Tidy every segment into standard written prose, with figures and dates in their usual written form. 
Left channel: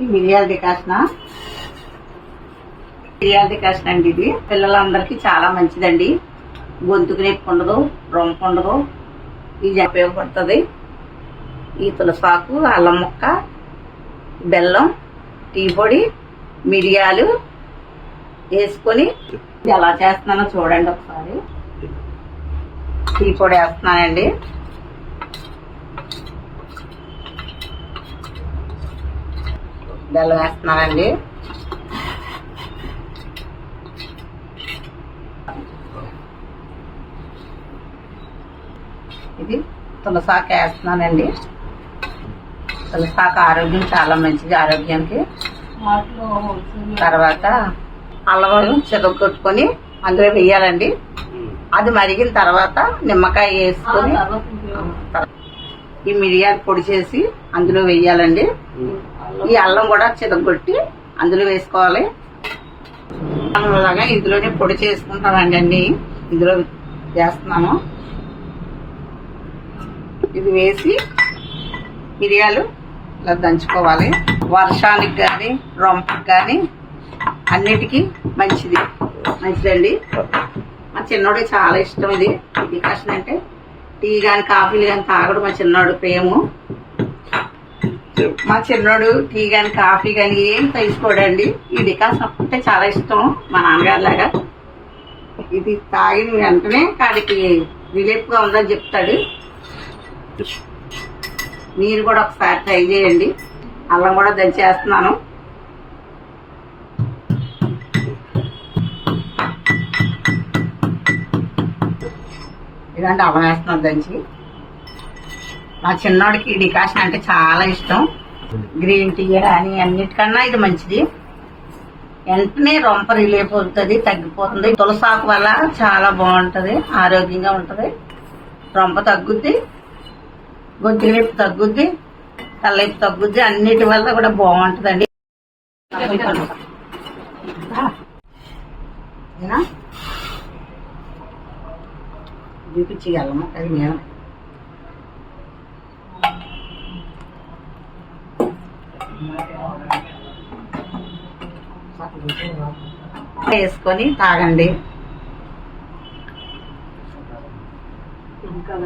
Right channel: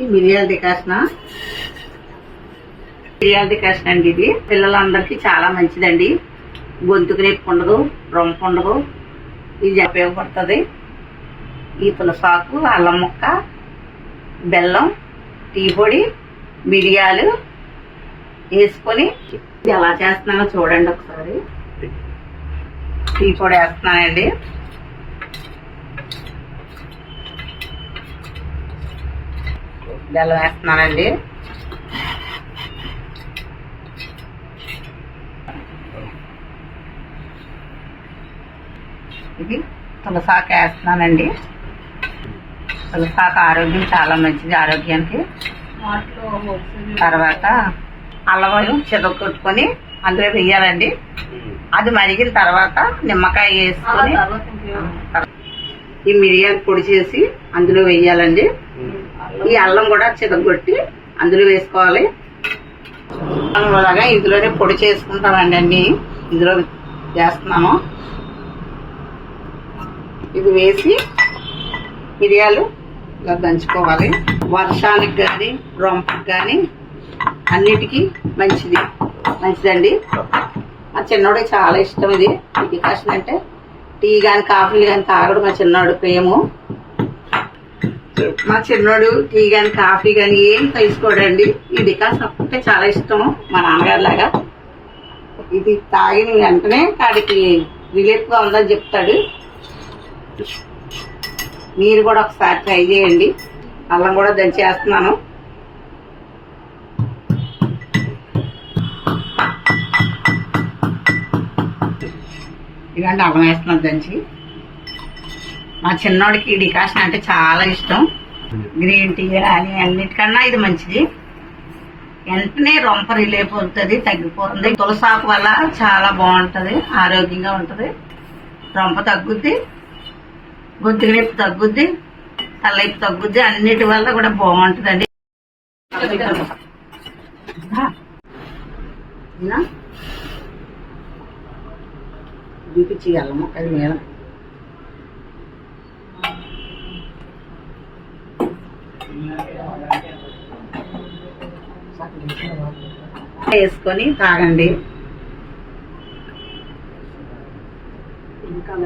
ఈ మిరియాల డికాషన్ అండి. ఇది పిల్లలందరికీ చాలా మంచిదండి. గొంతుకు నొప్పి ఉండదు, రొంప ఉండదు. ఇది ఉపయోగపడుతుంది. ఈ తులసాకు, అల్లం ముక్క, బెల్లం, టీ పొడి, మిరియాలు వేసుకొని ఎలా చేస్తున్నానో చూడండి ఒకసారి. టీ పొడి వేస్తున్నానండి. బెల్లం వేస్తున్నానండి. ఇది తులసాకు వేస్తున్నానండి. తులసాకు ఆరోగ్యం చాలా మంచిది, ఆరోగ్యానికి. తర్వాత అల్లం చెదగొట్టుకొని అందులో వేయాలండి. అది మరిగిన తర్వాత నిమ్మకాయ వేసుకొని ఈ మిరియాలు పొడి చేసి అందులో వేయాలండి. ఈ అల్లం కూడా చెదగొట్టి అందులో వేసుకోవాలి. అలాగా ఇందులోనే పొడి చేసుకుంటానండి. అన్ని ఇందులో వేస్తున్నాము. ఇది వేసి మిరియాలు ఇలా దంచుకోవాలి. వర్షానికి కానీ రొంపకి కానీ అన్నిటికీ మంచిదండి. మా చిన్నోడికి చాలా ఇష్టం ఇది. ఈ డికాషన్ అంటే టీ కానీ కాఫీలు కానీ తాగడం మా చిన్నోడు ప్రేమ. మా చిన్నోడు టీ కానీ కాఫీ కానీ ఏం తీసుకోడండి. ఈ డికాషన్ అంటే చాలా ఇష్టం మా నాన్నగారి లాగా. ఇది తాగిన వెంటనే కాడికి రిలీఫ్గా ఉందని చెప్తాడు. మీరు కూడా ఒకసారి ట్రై చేయండి. అల్లం కూడా దంచేస్తున్నాను. ఇలాంటి అల్లం వేస్తున్నాను దంచి. మా చిన్నోడికి డికాషన్ అంటే చాలా ఇష్టం. గ్రీన్ టీ అని అన్నిటికన్నా ఇది మంచిది. వెంటనే రొంప రిలీఫ్ అవుతుంది, తగ్గిపోతుంది. తులసాకు వల్ల చాలా బాగుంటుంది, ఆరోగ్యంగా ఉంటుంది. రొంప తగ్గుద్ది, గొంతు నొప్పి తగ్గుద్ది, తలనొప్పి తగ్గుద్ది. అన్నిటి వల్ల కూడా బాగుంటుందండి. చూపించి అల్లం ముక్కలు మీద వేసుకొని తాగండి.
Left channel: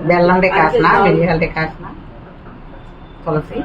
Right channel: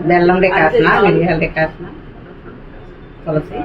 బెల్లం డికాషన్, మిరియాల డికాషన్, తులసి